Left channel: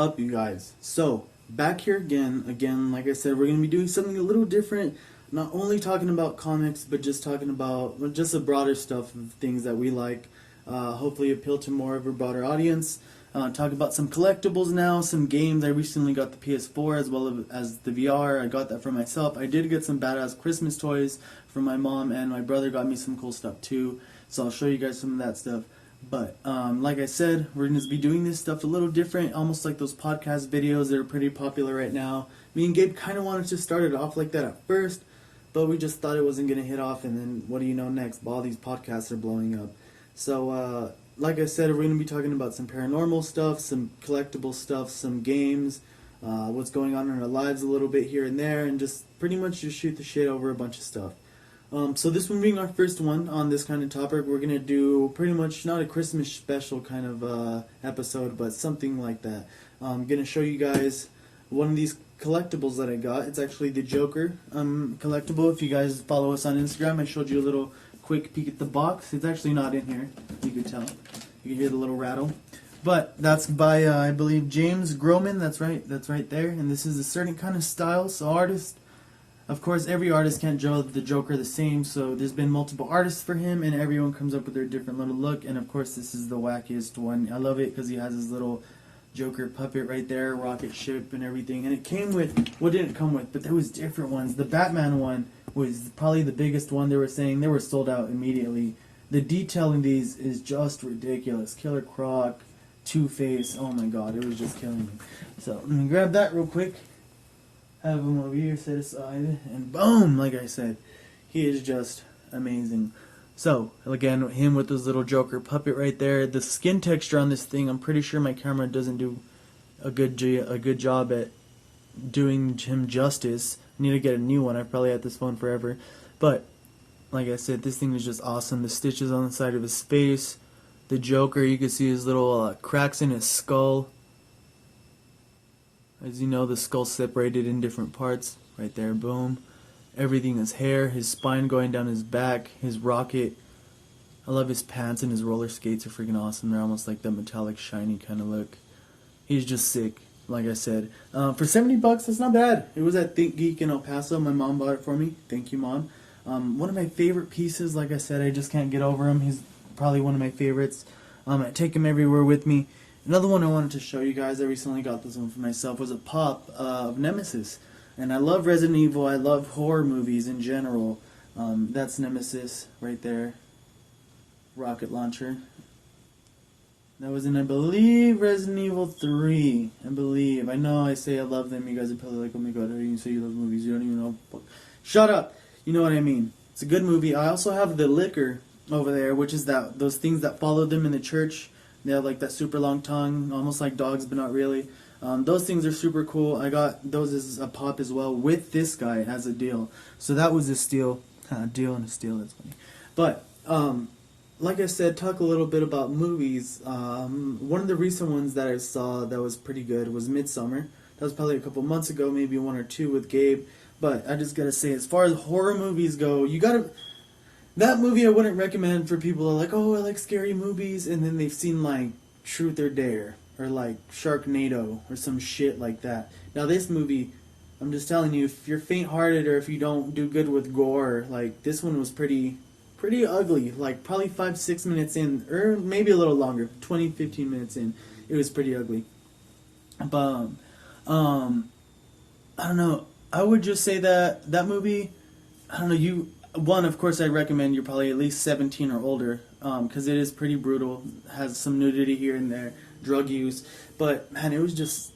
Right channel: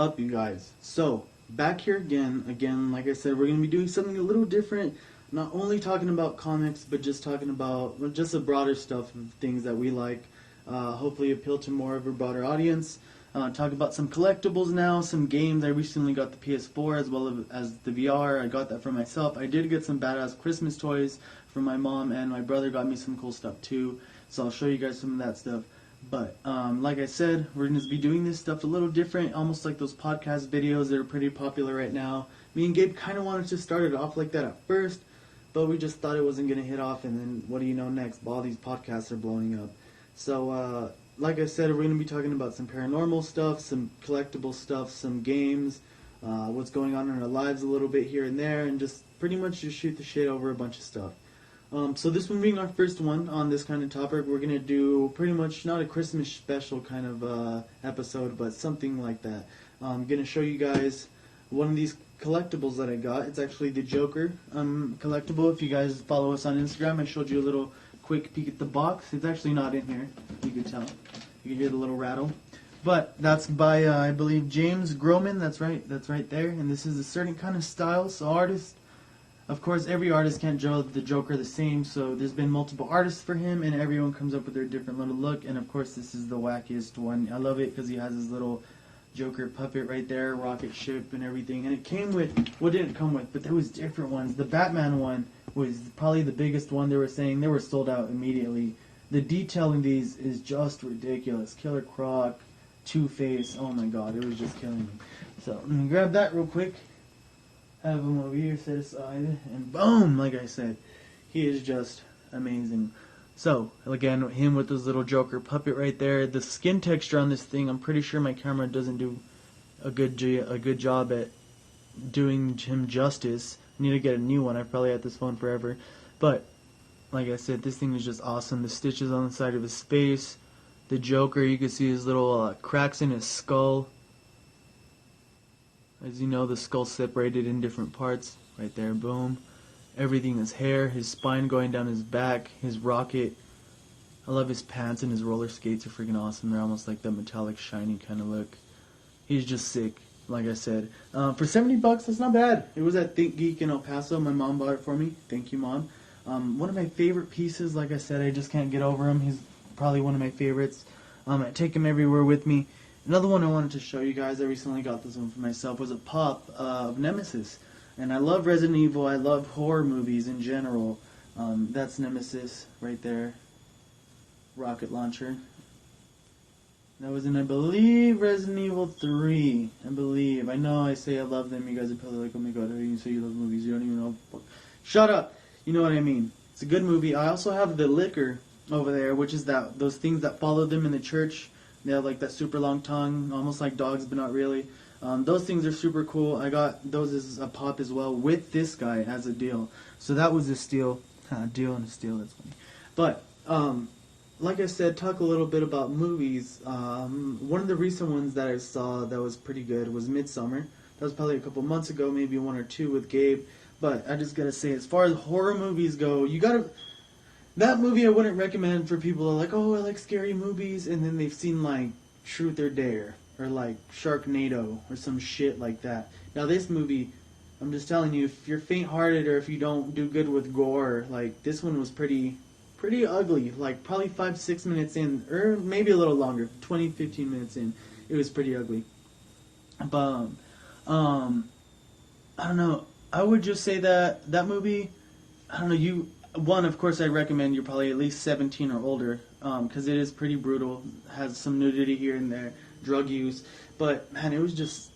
up, you guys? So, back here again, like I said, we're going to be doing something a little different. Not only talking about comics, but just talking about just the broader stuff of things that we like. Hopefully appeal to more of a broader audience. Talk about some collectibles now, some games. I recently got the PS4 as well as the VR. I got that for myself. I did get some badass Christmas toys for my mom, and my brother got me some cool stuff too. So I'll show you guys some of that stuff. But like I said, we're going to be doing this stuff a little different, almost like those podcast videos that are pretty popular right now. Me and Gabe kind of wanted to start it off like that at first, but we just thought it wasn't going to hit off, and then what do you know next? All these podcasts are blowing up. So, like I said, we're going to be talking about some paranormal stuff, some collectible stuff, some games, what's going on in our lives a little bit here and there, and just pretty much just shoot the shit over a bunch of stuff. So this one being our first one on this kind of topic, we're going to do pretty much not a Christmas special kind of episode, but something like that. I'm going to show you guys one of these collectibles that I got. It's actually the Joker collectible. If you guys follow us on Instagram, I showed you a little quick peek at the box. It's actually not in here, you can tell. You can hear the little rattle. But that's by, I believe, James Groman. That's right there. And this is a certain kind of style. So artist, of course, every artist can't draw the Joker the same, so there's been multiple artists for him, and everyone comes up with their different little look, and of course this is the wackiest one. I love it because he has his little Joker puppet right there, rocket ship and everything, and it came with, what didn't it come with, but there was different ones. The Batman one was probably the biggest one. They were saying they were sold out immediately. The detail in these is just ridiculous. Killer Croc, Two-Face, oh my god, it was just killing me. So, I'm going to grab that real quick. Have him over here set aside, and boom, like I said, he is just amazing. So, again, him with his little Joker puppet right there. The skin texture on this thing, I'm pretty sure my camera doesn't do a good job at doing him justice. I need to get a new one. I've probably had this phone forever. But, like I said, this thing is just awesome. The stitches on the side of his face. The Joker, you can see his little cracks in his skull. As you know, the skull's separated in different parts. Right there, boom. Everything, his hair, his spine going down his back, his rocket. I love his pants, and his roller skates are freaking awesome. They're almost like the metallic, shiny kind of look. He's just sick, like I said. For $70, that's not bad. It was at Think Geek in El Paso. My mom bought it for me. Thank you, Mom. One of my favorite pieces, like I said, I just can't get over him. He's probably one of my favorites. I take him everywhere with me. Another one I wanted to show you guys, I recently got this one for myself, was a pop of Nemesis. And I love Resident Evil, I love horror movies in general. That's Nemesis right there. Rocket launcher. That was in, I believe, Resident Evil 3. I believe. I know I say I love them, you guys are probably like, oh my god, you say you love movies, you don't even know. Shut up! You know what I mean. It's a good movie. I also have the liquor over there, which is those things that follow them in the church. They have like that super long tongue, almost like dogs, but not really. Those things are super cool. I got those as a pop as well with this guy as a deal. So that was a steal. Deal and a steal, that's funny. But, like I said, talk a little bit about movies. One of the recent ones that I saw that was pretty good was Midsummer. That was probably a couple months ago, maybe one or two with Gabe. But I just gotta say, as far as horror movies go, you gotta... That movie I wouldn't recommend for people who are like, oh, I like scary movies, and then they've seen, like, Truth or Dare, or, like, Sharknado, or some shit like that. Now, this movie, I'm just telling you, if you're faint-hearted or if you don't do good with gore, like, this one was pretty ugly. Like, probably 5-6 minutes in, or maybe a little longer, 20-15 minutes in, it was pretty ugly. But, I don't know, I would just say that movie, I don't know, one, of course, I'd recommend you're probably at least 17 or older, because it is pretty brutal, has some nudity here and there, drug use, but, man, it was just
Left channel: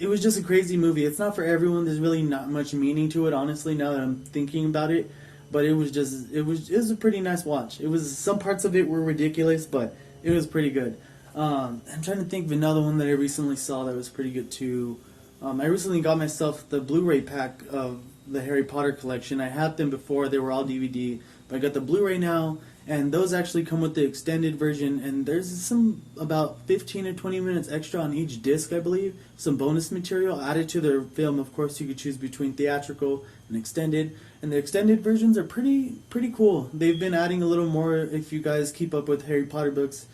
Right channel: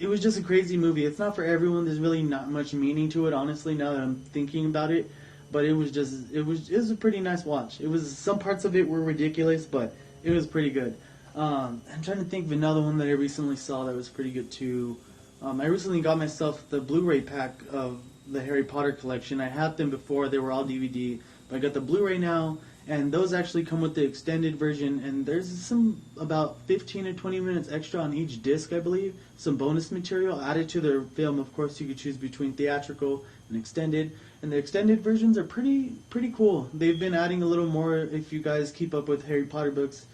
a crazy movie. It's not for everyone. There's really not much meaning to it, honestly, now that I'm thinking about it, but it was a pretty nice watch. Some parts of it were ridiculous, but it was pretty good. I'm trying to think of another one that I recently saw that was pretty good, too. I recently got myself the Blu-ray pack of the Harry Potter collection. I had them before, they were all DVD, but I got the Blu-ray now, and those actually come with the extended version, and there's some about 15 or 20 minutes extra on each disc, I believe, some bonus material added to their film. Of course, you could choose between theatrical and extended, and the extended versions are pretty cool. They've been adding a little more. If you guys keep up with Harry Potter books,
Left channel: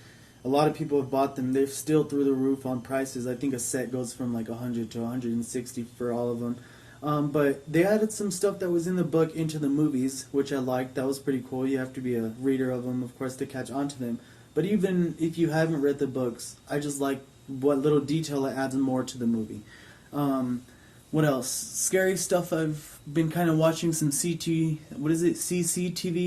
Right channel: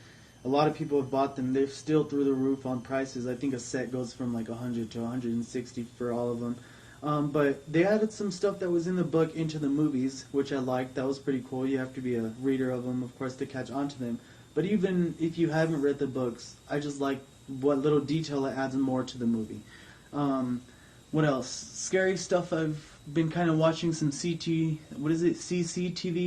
A lot of people have bought them. They're still through the roof on prices. I think a set goes from like 100 to 160 for all of them. But they added some stuff that was in the book into the movies, which I liked. That was pretty cool. You have to be a reader of them, of course, to catch on to them. But even if you haven't read the books, I just like what little detail it adds more to the movie. What else? Scary stuff. I've been kind of watching some CCTV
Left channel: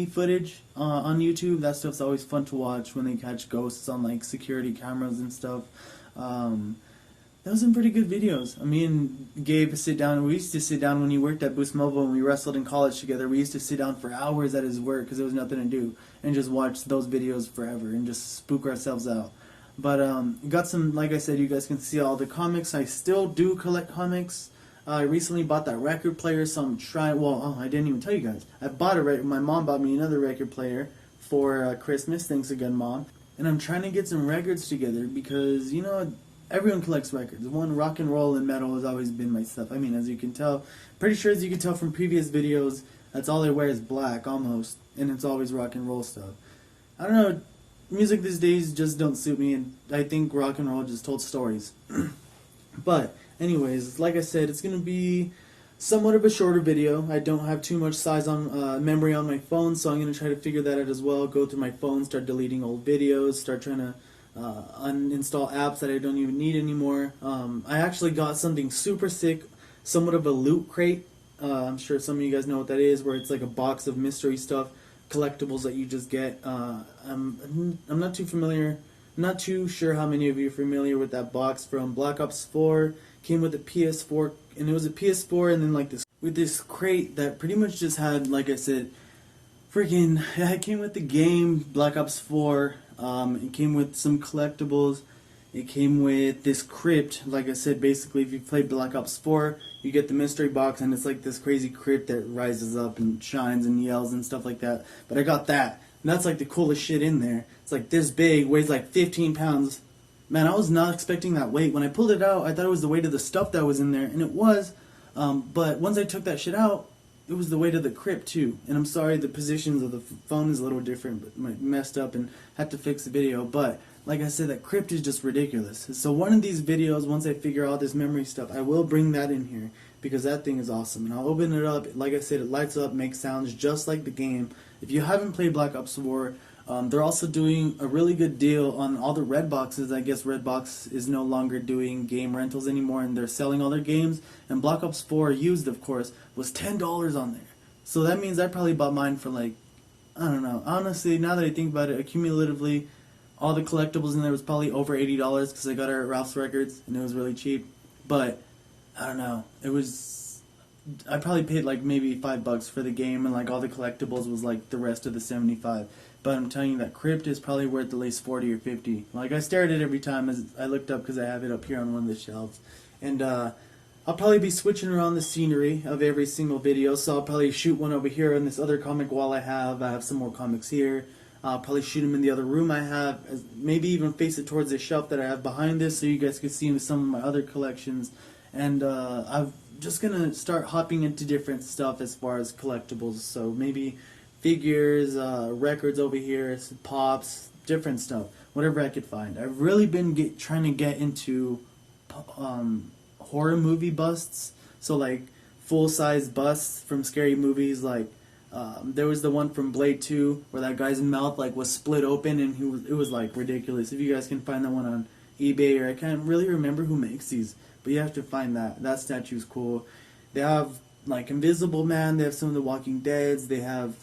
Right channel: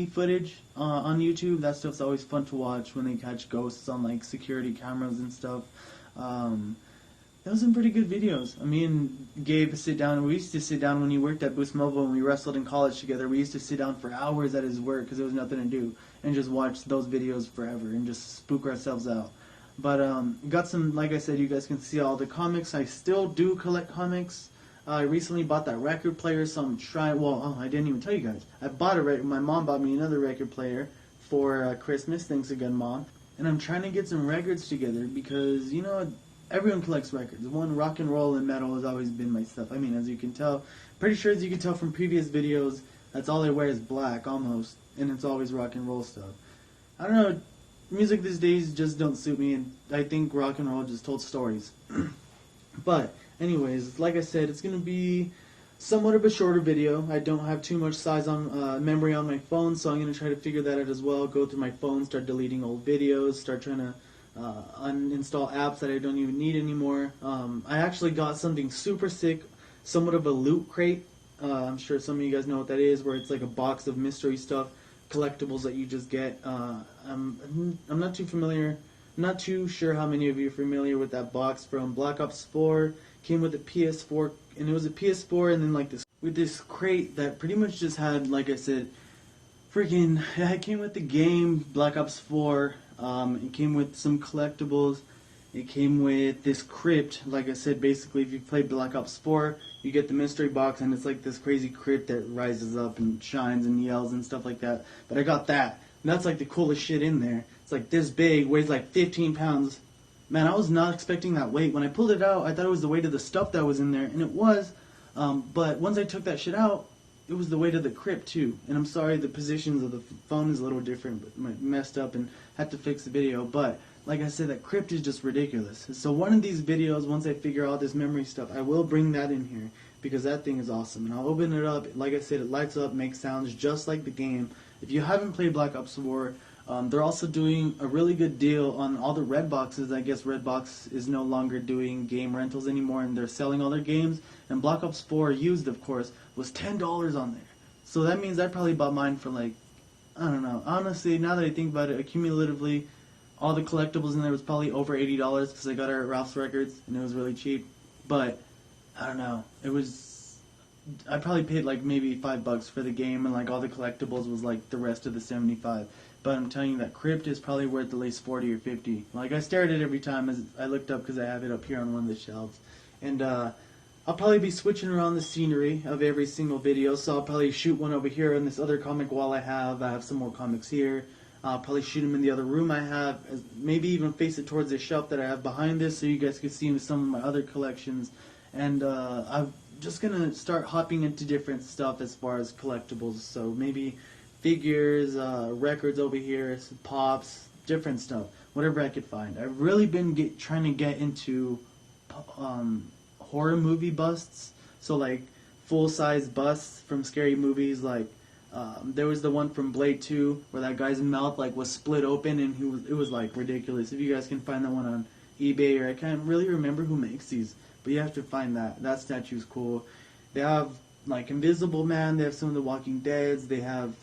footage on YouTube. That stuff's always fun to watch when they catch ghosts on like security cameras and stuff. Those are some pretty good videos. Me and Gabe sit down. We used to sit down when he worked at Boost Mobile and we wrestled in college together. We used to sit down for hours at his work because there was nothing to do and just watch those videos forever and just spook ourselves out. But got some, like I said, you guys can see all the comics. I still do collect comics. I recently bought that record player, so I'm trying. Well, I didn't even tell you guys. I bought my mom bought me another record player for Christmas. Thanks again, Mom. And I'm trying to get some records together because everyone collects records. One, rock and roll and metal has always been my stuff. As you can tell, pretty sure as you can tell from previous videos, that's all I wear is black almost, and it's always rock and roll stuff. I don't know. Music these days just don't suit me, and I think rock and roll just told stories. But anyways, like I said, it's going to be somewhat of a shorter video. I don't have too much size on memory on my phone, so I'm going to try to figure that out as well. Go through my phone, start deleting old videos, start trying to uninstall apps that I don't even need anymore. I actually got something super sick, somewhat of a loot crate. I'm sure some of you guys know what that is, where it's like a box of mystery stuff, collectibles that you just get. I'm not too familiar. Not too sure how many of you are familiar with that box from Black Ops 4. Came with a PS4, and it was a PS4, and then like this crate that pretty much just had, like I said, it came with the game Black Ops 4. It came with some collectibles. It came with this crypt. Like I said, basically, if you played Black Ops 4, you get the mystery box, and it's like this crazy crypt that rises up and shines and yells and stuff like that. But I got that. And that's like the coolest shit in there. It's like this big, weighs like 15 pounds. Man, I was not expecting that weight. When I pulled it out, I thought it was the weight of the stuff that was in there, and it was. But once I took that shit out, it was the weight of the crypt too. And I'm sorry, the positions of the phone is a little different, but messed up and had to fix the video. But like I said, that crypt is just ridiculous. So one of these videos, once I figure out this memory stuff, I will bring that in here because that thing is awesome. And I'll open it up. Like I said, it lights up, makes sounds just like the game. If you haven't played Black Ops 4, they're also doing a really good deal on all the red boxes. I guess Redbox is no longer doing game rentals anymore, and they're selling all their games. And Black Ops 4, used of course, was $10 on there. So that means I probably bought mine for like, I don't know. Honestly, now that I think about it, accumulatively, all the collectibles in there was probably over $80 because I got it at Ralph's Records, and it was really cheap. But, I don't know. I probably paid like maybe $5 for the game, and like all the collectibles was like the rest of the 75. But I'm telling you, that crypt is probably worth at least 40 or 50. Like, I stare at it every time as I looked up because I have it up here on one of the shelves. And I'll probably be switching around the scenery of every single video. So I'll probably shoot one over here on this other comic wall I have. I have some more comics here. I'll probably shoot them in the other room I have. Maybe even face it towards the shelf that I have behind this so you guys can see some of my other collections. And I'm just going to start hopping into different stuff as far as collectibles. So maybe figures, records over here, pops, different stuff, whatever I could find. I've really been trying to get into horror movie busts, so like full-size busts from scary movies. Like there was the one from Blade 2 where that guy's mouth like was split open, and it was like ridiculous. If you guys can find that one on eBay, or I can't really remember who makes these, but you have to find that. That statue's cool. They have like Invisible Man. They have some of the Walking Deads. They have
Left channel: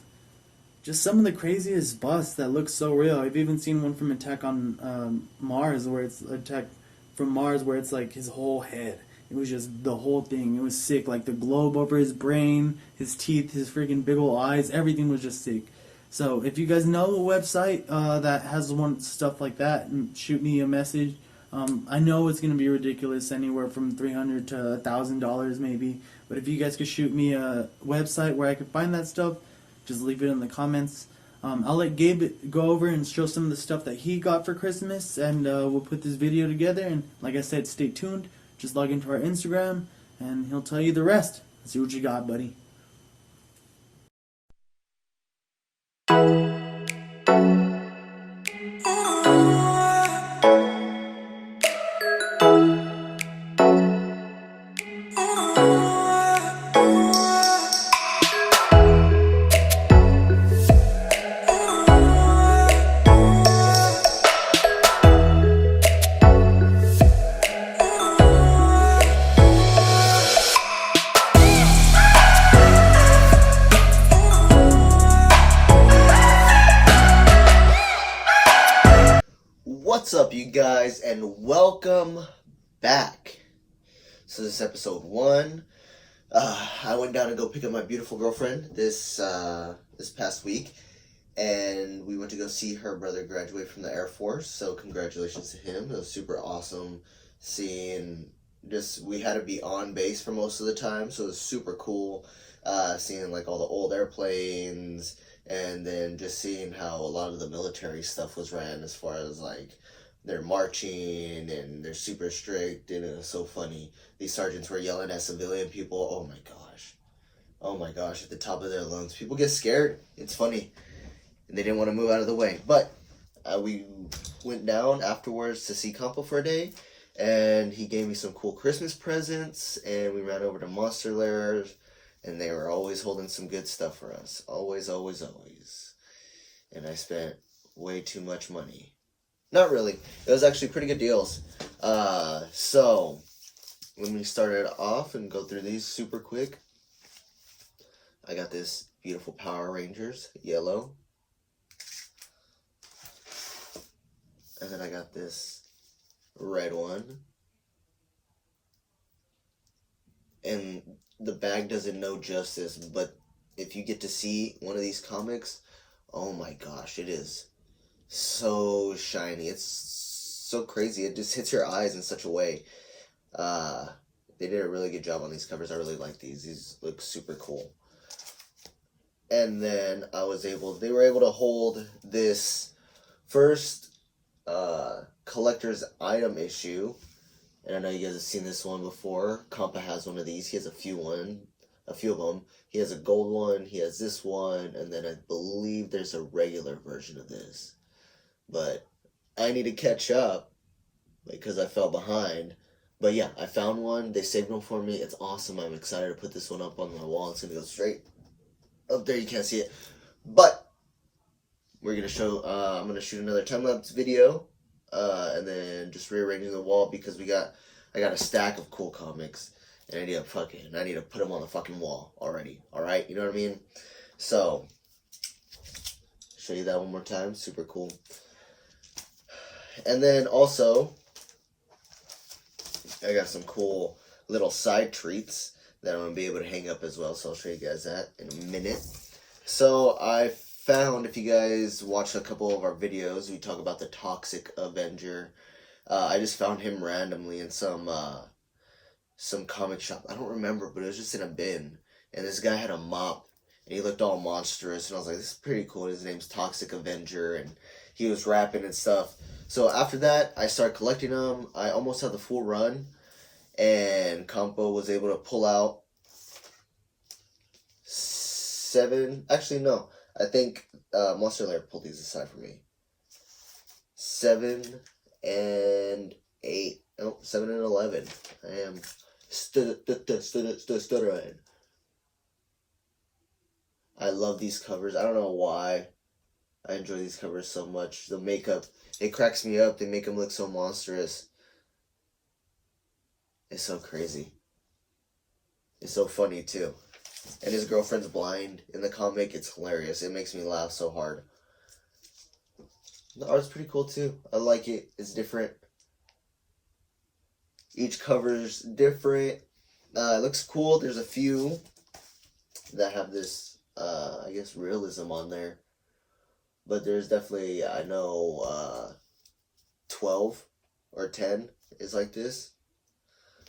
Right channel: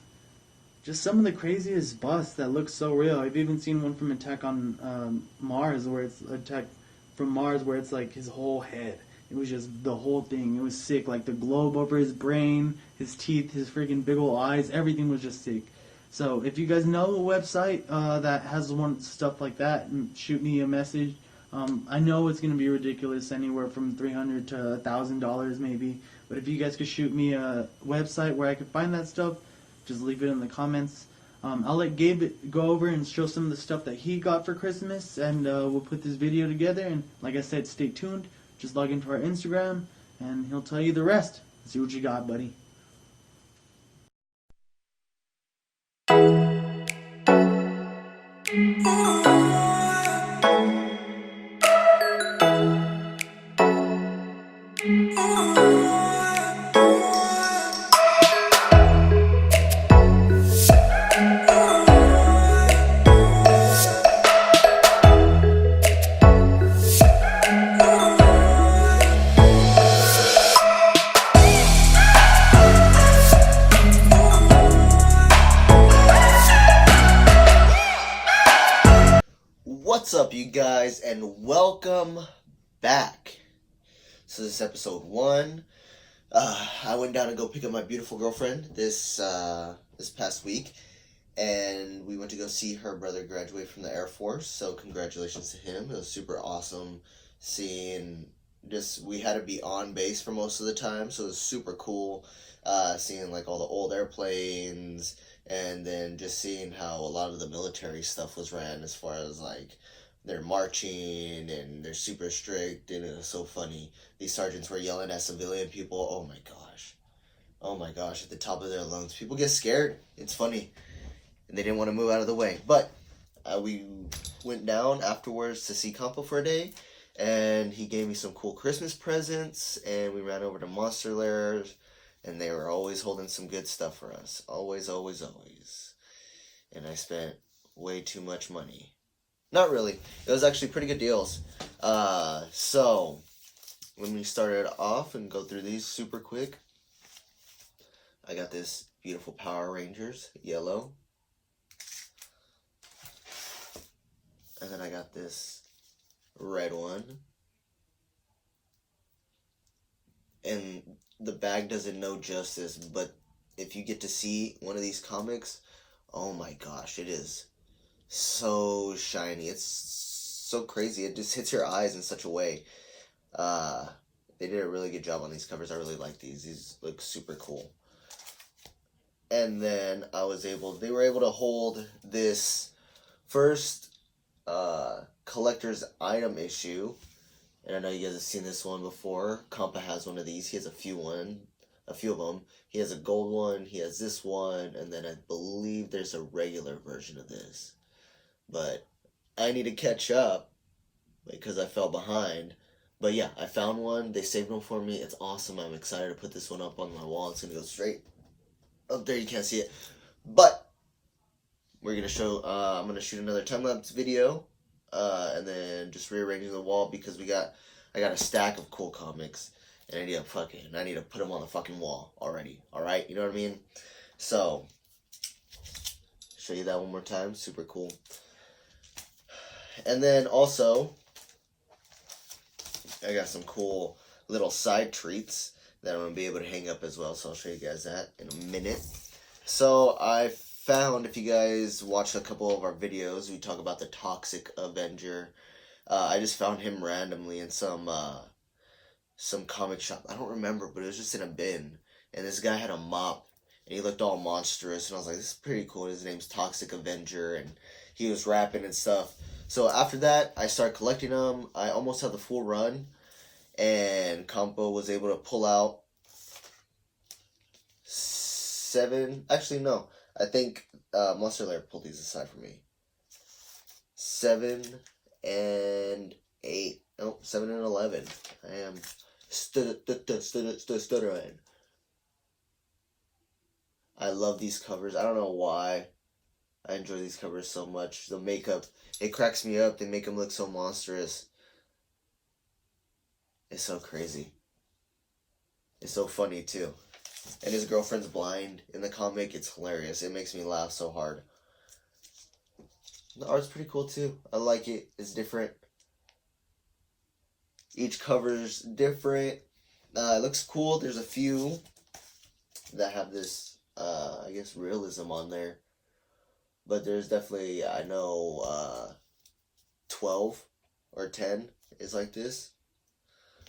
just some of the craziest busts that look so real. I've even seen one from Attack on Mars, where it's Attack from Mars, where it's like his whole head. It was just the whole thing. It was sick. Like the globe over his brain, his teeth, his freaking big old eyes. Everything was just sick. So if you guys know a website that has stuff like that, shoot me a message. I know it's going to be ridiculous, anywhere from $300 to $1,000 maybe. But if you guys could shoot me a website where I could find that stuff, just leave it in the comments. I'll let Gabe go over and show some of the stuff that he got for Christmas, and we'll put this video together. And like I said, stay tuned. Just log into our Instagram, and he'll tell you the rest. Let's see what you got, buddy. What's up, you guys, and welcome back. So this is episode 1. I went down to go pick up my beautiful girlfriend this past week, and we went to go see her brother graduate from the Air Force. So congratulations to him. It was super awesome seeing. We had to be on base for most of the time, so it was super cool. Seeing like all the old airplanes, and then just seeing how a lot of the military stuff was ran, as far as like they're marching and they're super strict, and it was so funny. These sergeants were yelling at civilian people. Oh my gosh, at the top of their lungs. People get scared. It's funny, and they didn't want to move out of the way. But we went down afterwards to see Campo for a day, and he gave me some cool Christmas presents, and we ran over to Monster Lairs. And they were always holding some good stuff for us. Always, always, always. And I spent way too much money. Not really. It was actually pretty good deals. So, let me start it off and go through these super quick. I got this beautiful Power Rangers, yellow. And then I got this red one. And the bag doesn't know justice, but if you get to see one of these comics, oh my gosh, it is so shiny. It's so crazy. It just hits your eyes in such a way. They did a really good job on these covers. I really like these. These look super cool. And then they were able to hold this first collector's item issue. And I know you guys have seen this one before. Compa has one of these. He has a few of them. He has a gold one. He has this one. And then I believe there's a regular version of this. But I need to catch up because I fell behind. But yeah, I found one. They saved one for me. It's awesome. I'm excited to put this one up on my wall. It's going to go straight up there. You can't see it. But we're going to show, I'm going to shoot another time-lapse video. And then just rearranging the wall because I got a stack of cool comics, and I need to put them on the fucking wall already. All right, you know what I mean? So, show you that one more time. Super cool. And then also, I got some cool little side treats that I'm gonna be able to hang up as well. So I'll show you guys that in a minute. So I found, if you guys watched a couple of our videos, we talk about the Toxic Avenger. I just found him randomly in some comic shop. I don't remember, but it was just in a bin. And this guy had a mop, and he looked all monstrous. And I was like, this is pretty cool. His name's Toxic Avenger, and he was rapping and stuff. So after that, I started collecting them. I almost had the full run, and Campo was able to pull out 7. Actually, no. I think Monster Lair pulled these aside for me. 7 and 8. Nope, 7 and 11. I am stuttering. I love these covers. I don't know why I enjoy these covers so much. The makeup, it cracks me up. They make them look so monstrous. It's so crazy. It's so funny, too. And his girlfriend's blind in the comic. It's hilarious. It makes me laugh so hard. The art's pretty cool too. I like it. It's different. Each cover's different. It looks cool. There's a few that have this, I guess, realism on there. But there's definitely, I know, 12 or 10 is like this.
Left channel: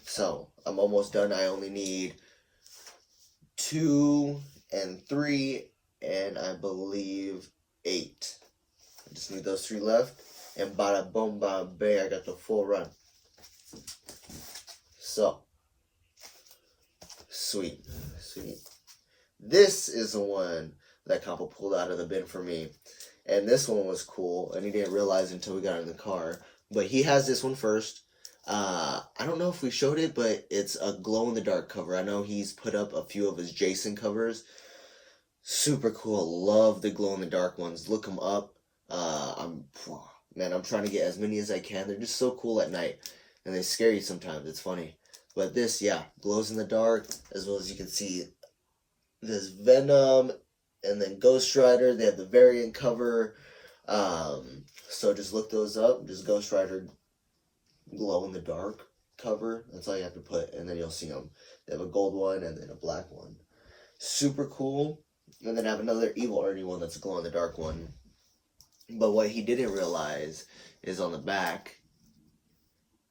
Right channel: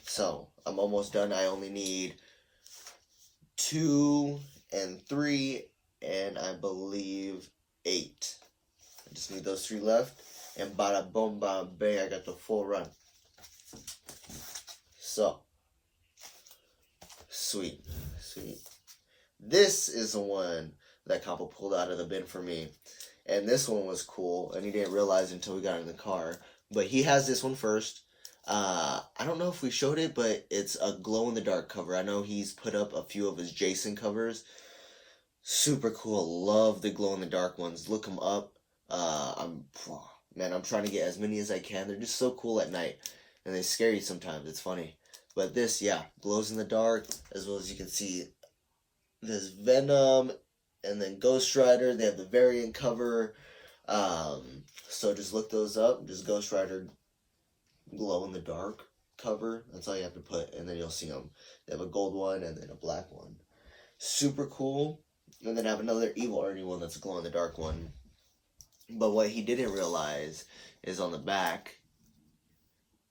So, I'm almost done. I only need 2 and 3, and I believe 8. I just need those 3 left, and bada boom, bada bang, I got the full run. So, sweet. This is the one that Campo pulled out of the bin for me, and this one was cool, and he didn't realize until we got in the car, but he has this one first. I don't know if we showed it, but it's a glow-in-the-dark cover. I know he's put up a few of his Jason covers. Super cool. Love the glow-in-the-dark ones. Look them up. I'm trying to get as many as I can. They're just so cool at night, and they scare you sometimes. It's funny. But this, yeah, glows in the dark, as well as you can see there's Venom, and then Ghost Rider. They have the variant cover. So just look those up. Just Ghost Rider glow in the dark cover. That's all you have to put, and then you'll see them. They have a gold one and then a black one. Super cool. And then I have another Evil Ernie one that's a glow in the dark one. But what he didn't realize is on the back,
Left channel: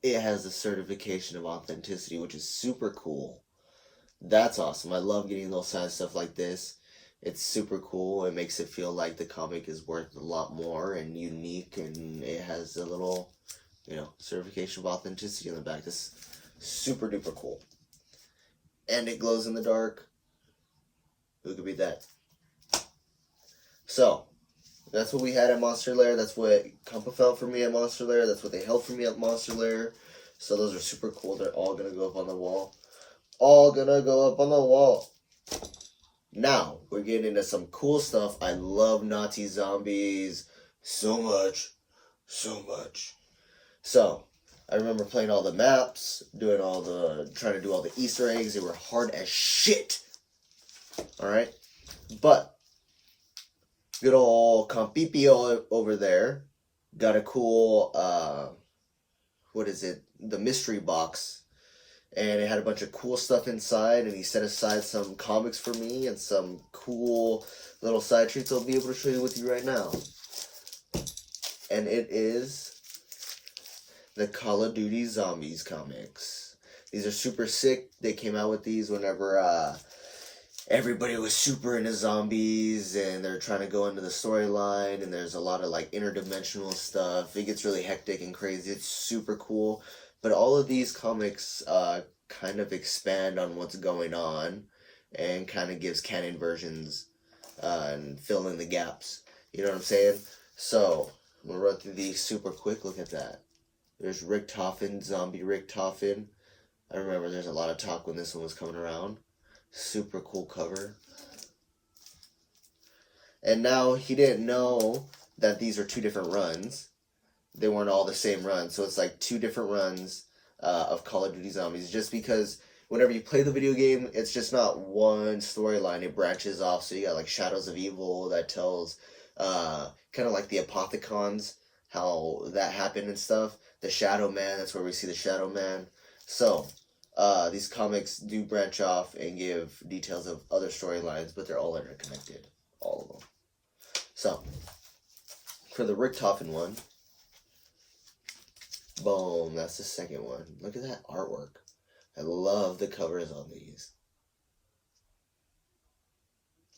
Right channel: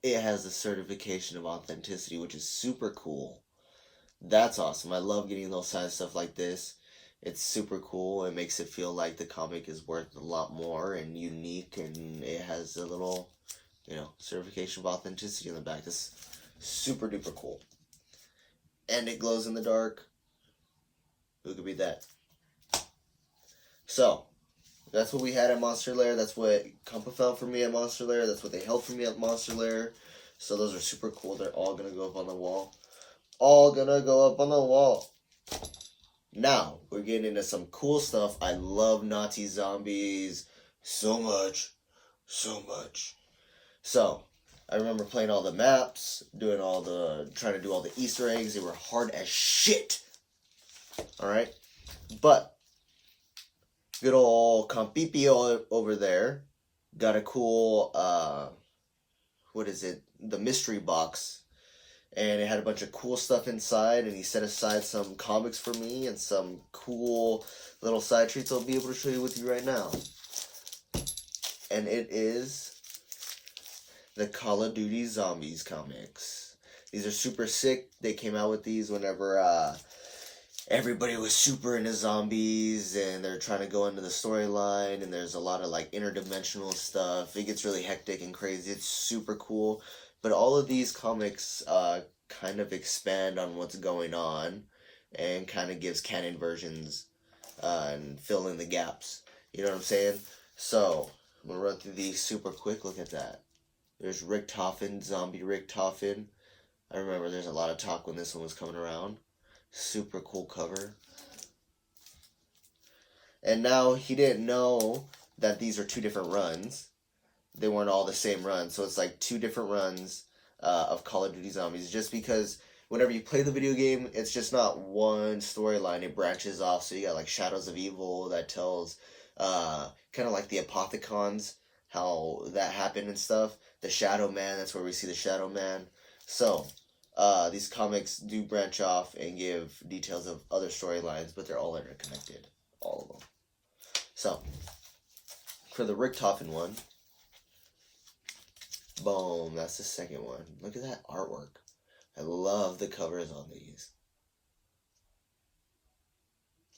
it has the certification of authenticity, which is super cool. That's awesome. I love getting those kind of stuff like this. It's super cool. It makes it feel like the comic is worth a lot more and unique, and it has a little, certification of authenticity on the back. It's super duper cool. And it glows in the dark. Who could beat that? So, that's what we had at Monster Lair. That's what Compa felt for me at Monster Lair. That's what they held for me at Monster Lair. So those are super cool. They're all going to go up on the wall. All going to go up on the wall. Now, we're getting into some cool stuff. I love Nazi zombies so much. So much. So, I remember playing all the maps, trying to do all the Easter eggs. They were hard as shit. Alright? But, good old Compipio over there got a cool, the mystery box. And it had a bunch of cool stuff inside, and he set aside some comics for me and some cool little side treats I'll be able to show you with you right now. And it is the Call of Duty Zombies comics. These are super sick. They came out with these whenever everybody was super into zombies and they're trying to go into the storyline, and there's a lot of like interdimensional stuff. It gets really hectic and crazy. It's super cool. But all of these comics kind of expand on what's going on and kind of gives canon versions and fill in the gaps. You know what I'm saying? So, I'm going to run through these super quick. Look at that. There's Rick Toffin, Zombie Rick Toffin. I remember there's a lot of talk when this one was coming around. Super cool cover. And now he didn't know that these are two different runs. They weren't all the same run, so it's like two different runs of Call of Duty Zombies. Just because whenever you play the video game, it's just not one storyline. It branches off, so you got like Shadows of Evil that tells kind of like the Apothecons, how that happened and stuff. The Shadow Man, that's where we see the Shadow Man. So, these comics do branch off and give details of other storylines, but they're all interconnected. All of them. So, for the Rick Toffin one, boom, that's the second one. Look at that artwork. I love the covers on these.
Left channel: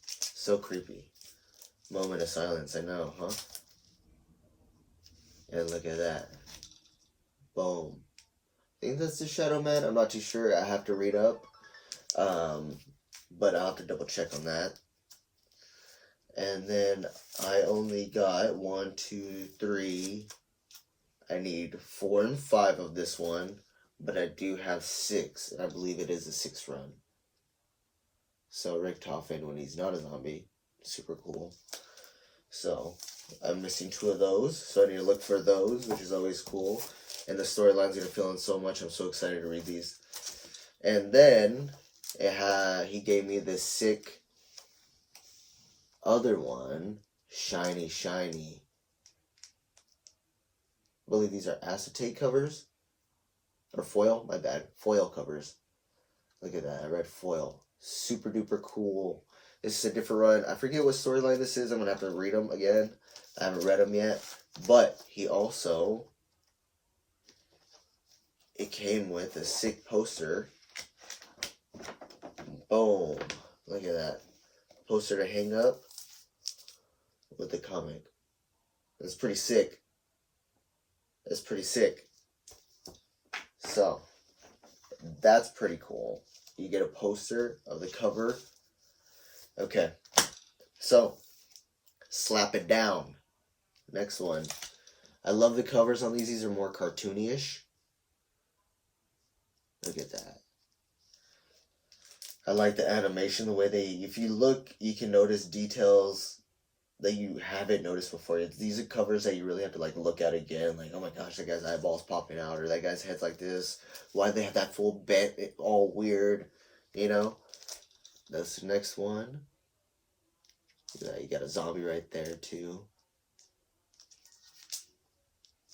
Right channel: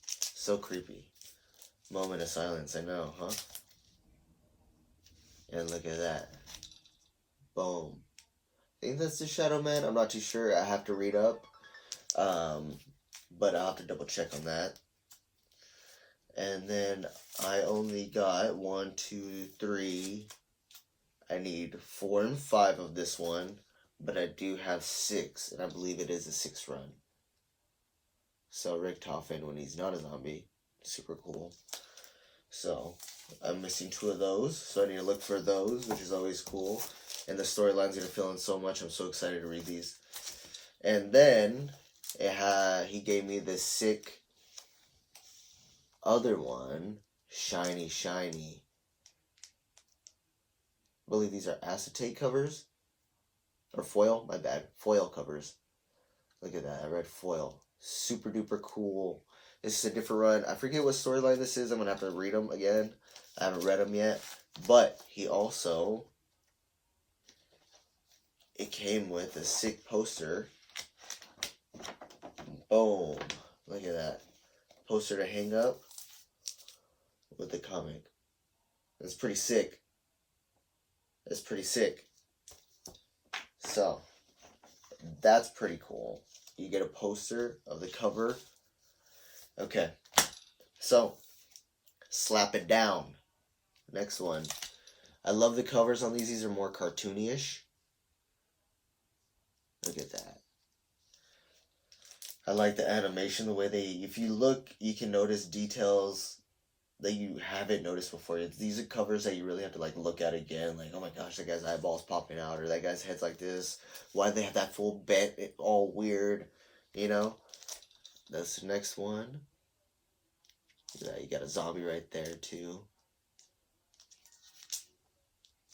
So creepy. Moment of silence, I know, huh? And look at that. Boom. I think that's the Shadow Man. I'm not too sure. I have to read up. But I'll have to double check on that. And then I only got 1, 2, 3... I need 4 and 5 of this one, but I do have 6, and I believe it is a 6th run. So Rick Toffin, when he's not a zombie, super cool. So I'm missing 2 of those, so I need to look for those, which is always cool. And the storyline's gonna fill in so much. I'm so excited to read these. And then he gave me this sick other one, shiny. I believe these are acetate covers. Or foil, my bad. Foil covers. Look at that, I read foil. Super duper cool. This is a different run. I forget what storyline this is. I'm going to have to read them again. I haven't read them yet. But he also... It came with a sick poster. Boom. Look at that. Poster to hang up with the comic. It's pretty sick. It's pretty sick. So, that's pretty cool. You get a poster of the cover. Okay. So, slap it down. Next one. I love the covers on these. These are more cartoony-ish. Look at that. I like the animation, the way if you look, you can notice details that you haven't noticed before. These are covers that you really have to like look at again. Like, oh my gosh, that guy's eyeballs popping out, or that guy's head's like this. Why do they have that full bent? All weird, you know. That's the next one. Yeah, you got a zombie right there too.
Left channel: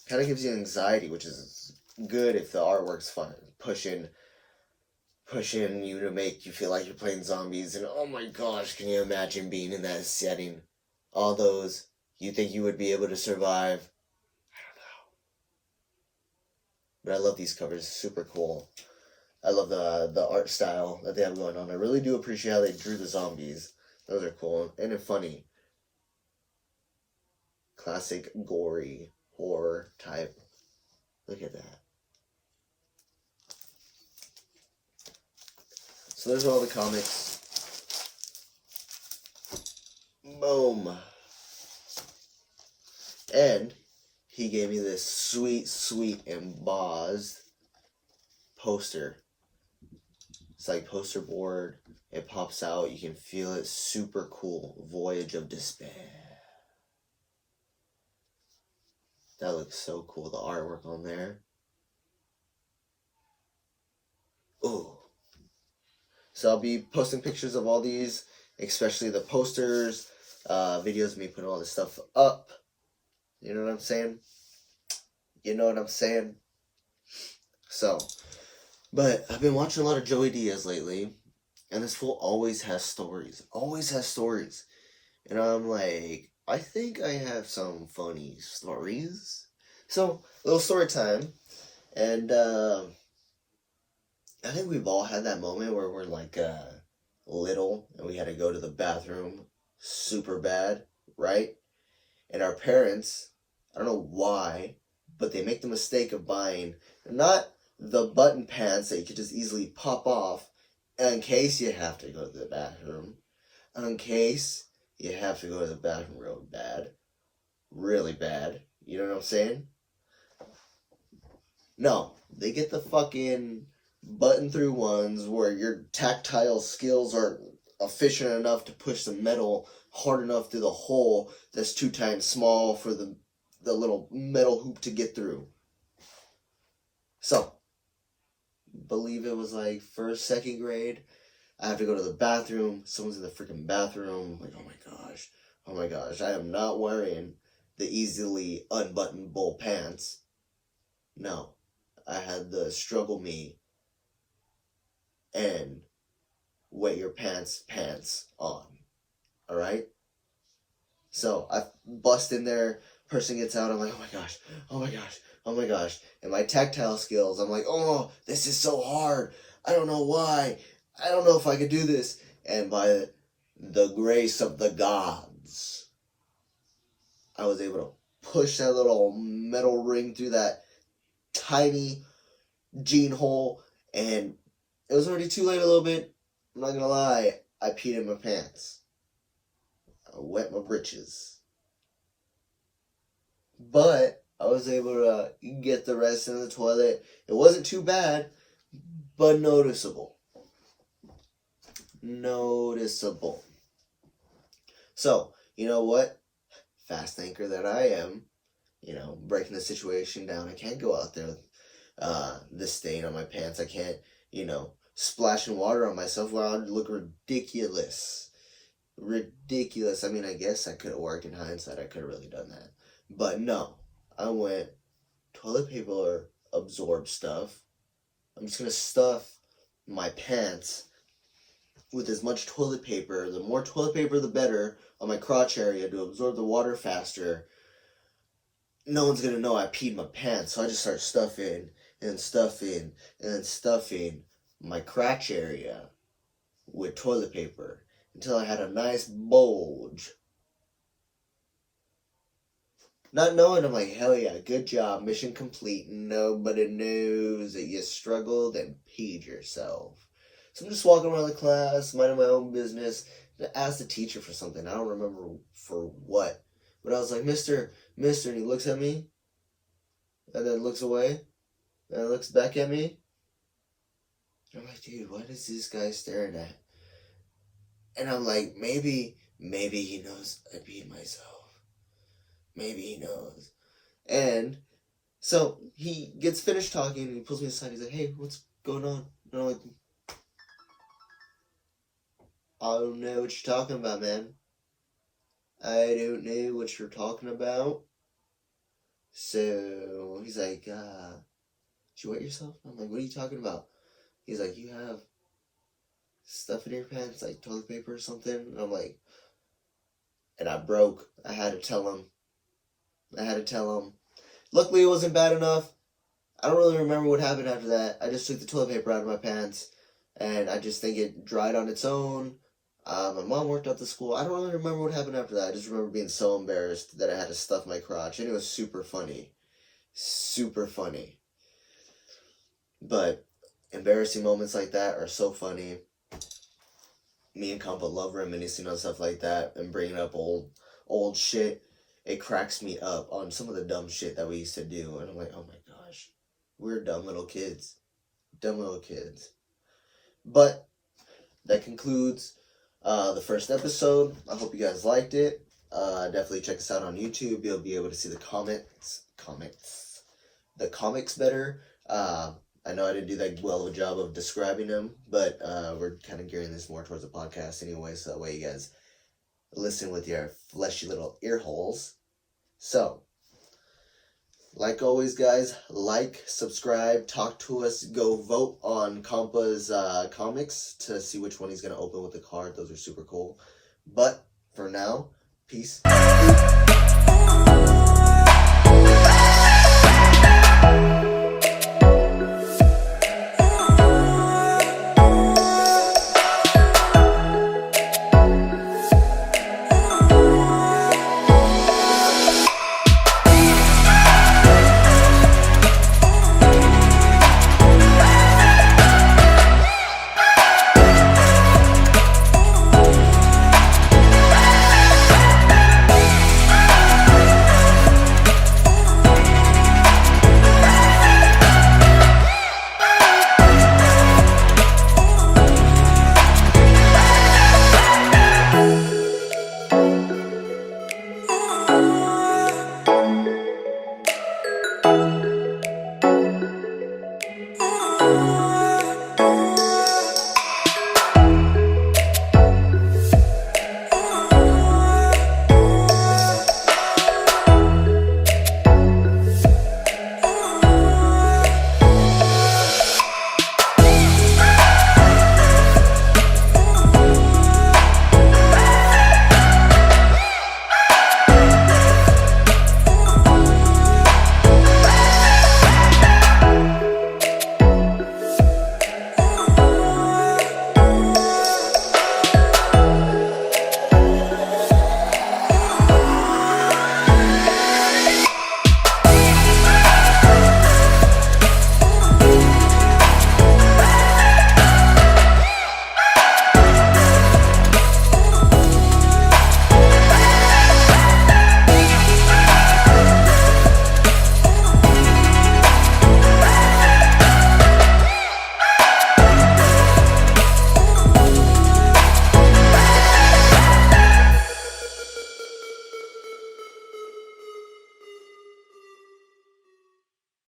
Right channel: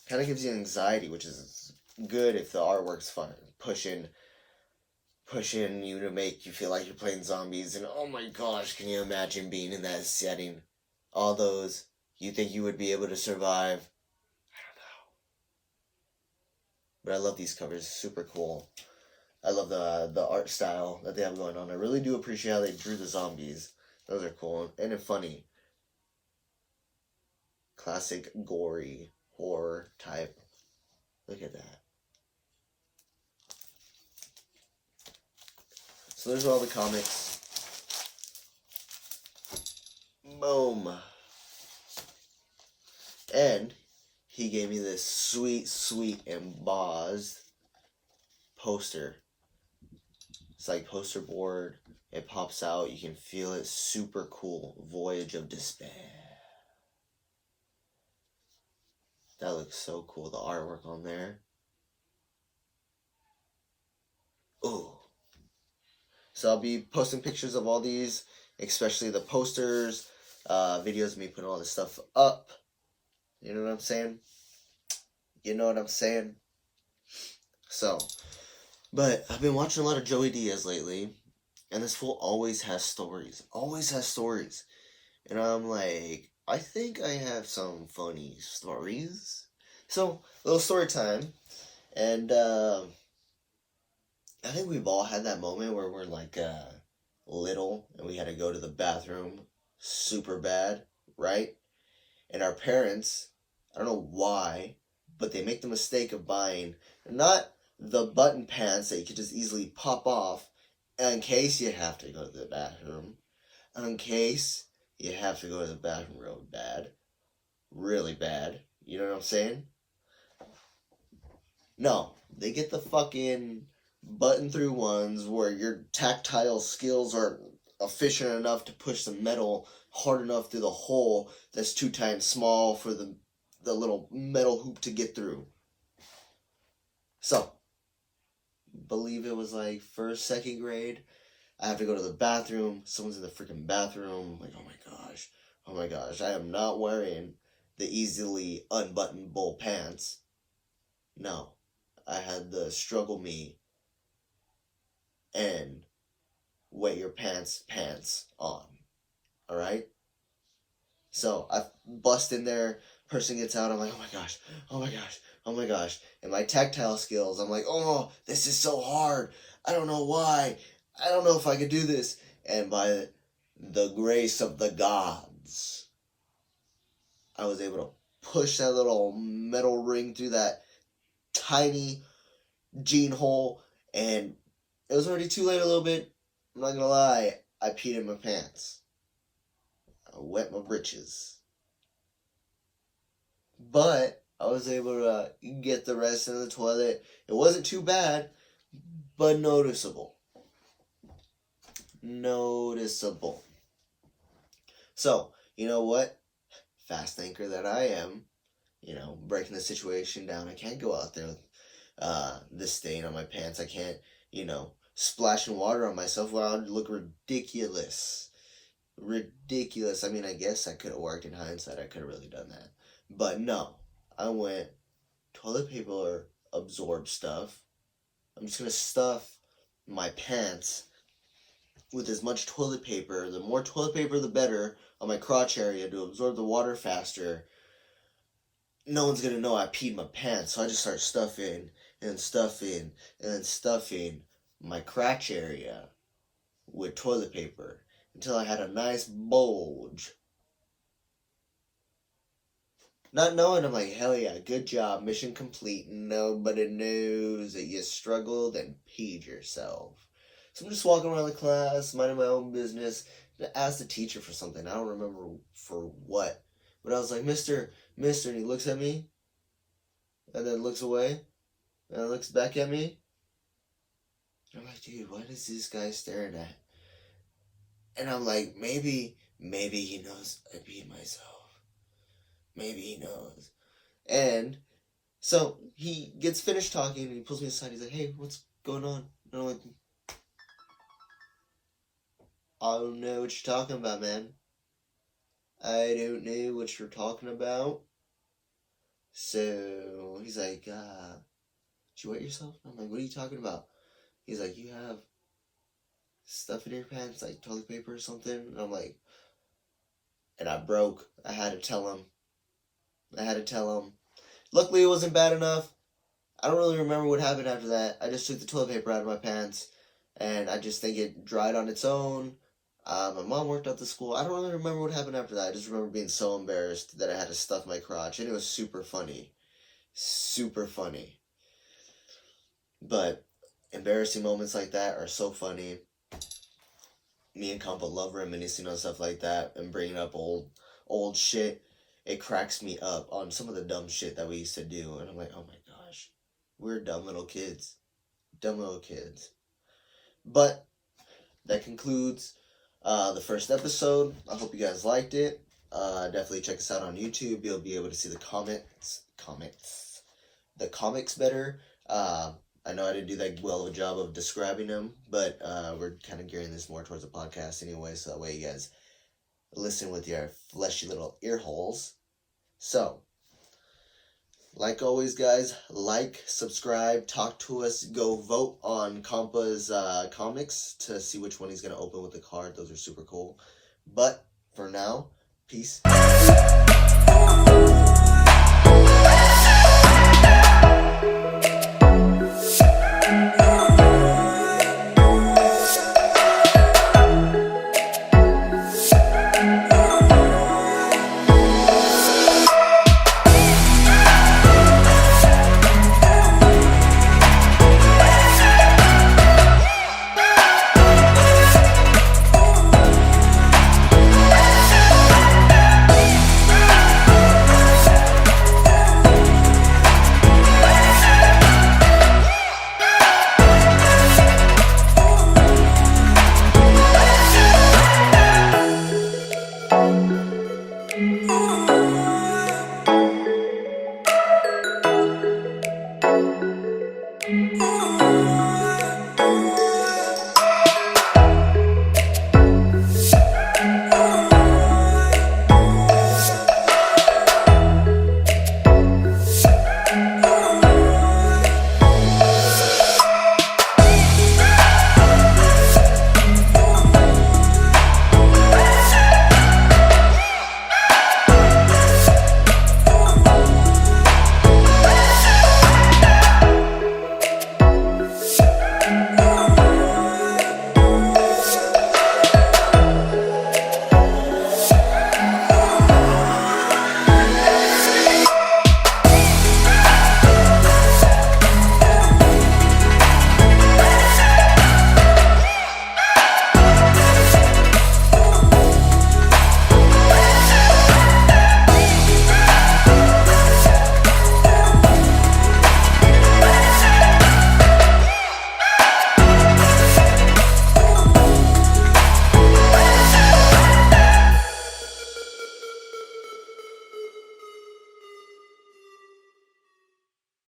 Kind of gives you anxiety, which is good if the artwork's fun. Pushing you to make you feel like you're playing zombies. And oh my gosh, can you imagine being in that setting? All those, you think you would be able to survive? I don't know. But I love these covers. Super cool. I love the art style that they have going on. I really do appreciate how they drew the zombies. Those are cool and funny. Classic gory horror type. Look at that. So there's all the comics. Boom. And he gave me this sweet embossed poster. It's like poster board. It pops out. You can feel it. Super cool. Voyage of Despair. That looks so cool. The artwork on there. Ooh. So I'll be posting pictures of all these, especially the posters, videos of me putting all this stuff up. You know what I'm saying? You know what I'm saying? So, but I've been watching a lot of Joey Diaz lately, and this fool always has stories. Always has stories. And I'm like, I think I have some funny stories. So, little story time. And, I think we've all had that moment where we're like little and we had to go to the bathroom super bad, right? And our parents, I don't know why, but they make the mistake of buying not the button pants that you could just easily pop off in case you have to go to the bathroom, in case you have to go to the bathroom real bad, really bad. You know what I'm saying? No, they get the fucking button through ones where your tactile skills are efficient enough to push the metal hard enough through the hole that's 2 times small for the little metal hoop to get through. So, believe it was like first, second grade. I have to go to the bathroom. Someone's in the freaking bathroom. I'm like, oh my gosh. I am not wearing the easily unbuttonable pants. No, I had the struggle me and wet your pants on. Alright? So I bust in there, person gets out, I'm like, oh my gosh. And my tactile skills, I'm like, oh, this is so hard. I don't know why. I don't know if I could do this. And by the grace of the gods, I was able to push that little metal ring through that tiny jean hole, and it was already too late a little bit. I'm not gonna lie, I peed in my pants. I wet my britches. But I was able to get the rest in the toilet. It wasn't too bad, but noticeable. Noticeable. So, you know what? Fast thinker that I am, breaking the situation down. I can't go out there with this stain on my pants. I can't, splashing water on myself. Well, I would look ridiculous. Ridiculous. I mean, I guess I could have worked in hindsight. I could have really done that. But no, I went toilet paper absorb stuff. I'm just going to stuff my pants with as much toilet paper. The more toilet paper, the better on my crotch area to absorb the water faster. No one's going to know I peed my pants. So I just start stuffing and stuffing and stuffing my crotch area with toilet paper until I had a nice bulge. Not knowing, I'm like, hell yeah, good job, mission complete. Nobody knows that you struggled and peed yourself. So I'm just walking around the class, minding my own business. I asked the teacher for something. I don't remember for what. But I was like, Mister, and he looks at me, and then looks away, and then looks back at me. And I'm like, dude, what is this guy staring at? And I'm like, maybe he knows I peed myself. Maybe he knows. And so he gets finished talking and he pulls me aside. He's like, hey, what's going on? And I'm like, I don't know what you're talking about, man. I don't know what you're talking about. So he's like, did you wet yourself? I'm like, what are you talking about? He's like, you have stuff in your pants, like toilet paper or something? And I'm like, and I broke. I had to tell him. Luckily, it wasn't bad enough. I don't really remember what happened after that. I just took the toilet paper out of my pants, and I just think it dried on its own. My mom worked out the school. I don't really remember what happened after that. I just remember being so embarrassed that I had to stuff my crotch, and it was super funny. Super funny. But embarrassing moments like that are so funny. Me and Compa love reminiscing on stuff like that and bringing up old shit. It cracks me up on some of the dumb shit that we used to do, and I'm like, oh my gosh, we're dumb little kids. But that concludes the first episode. I hope you guys liked it. Definitely check us out on YouTube. You'll be able to see the comics better. I know I didn't do that well of a job of describing them, but we're kind of gearing this more towards a podcast anyway, so that way you guys listen with your fleshy little ear holes. So, like always, guys, like, subscribe, talk to us, go vote on Compa's comics to see which one he's going to open with the card. Those are super cool. But for now, peace.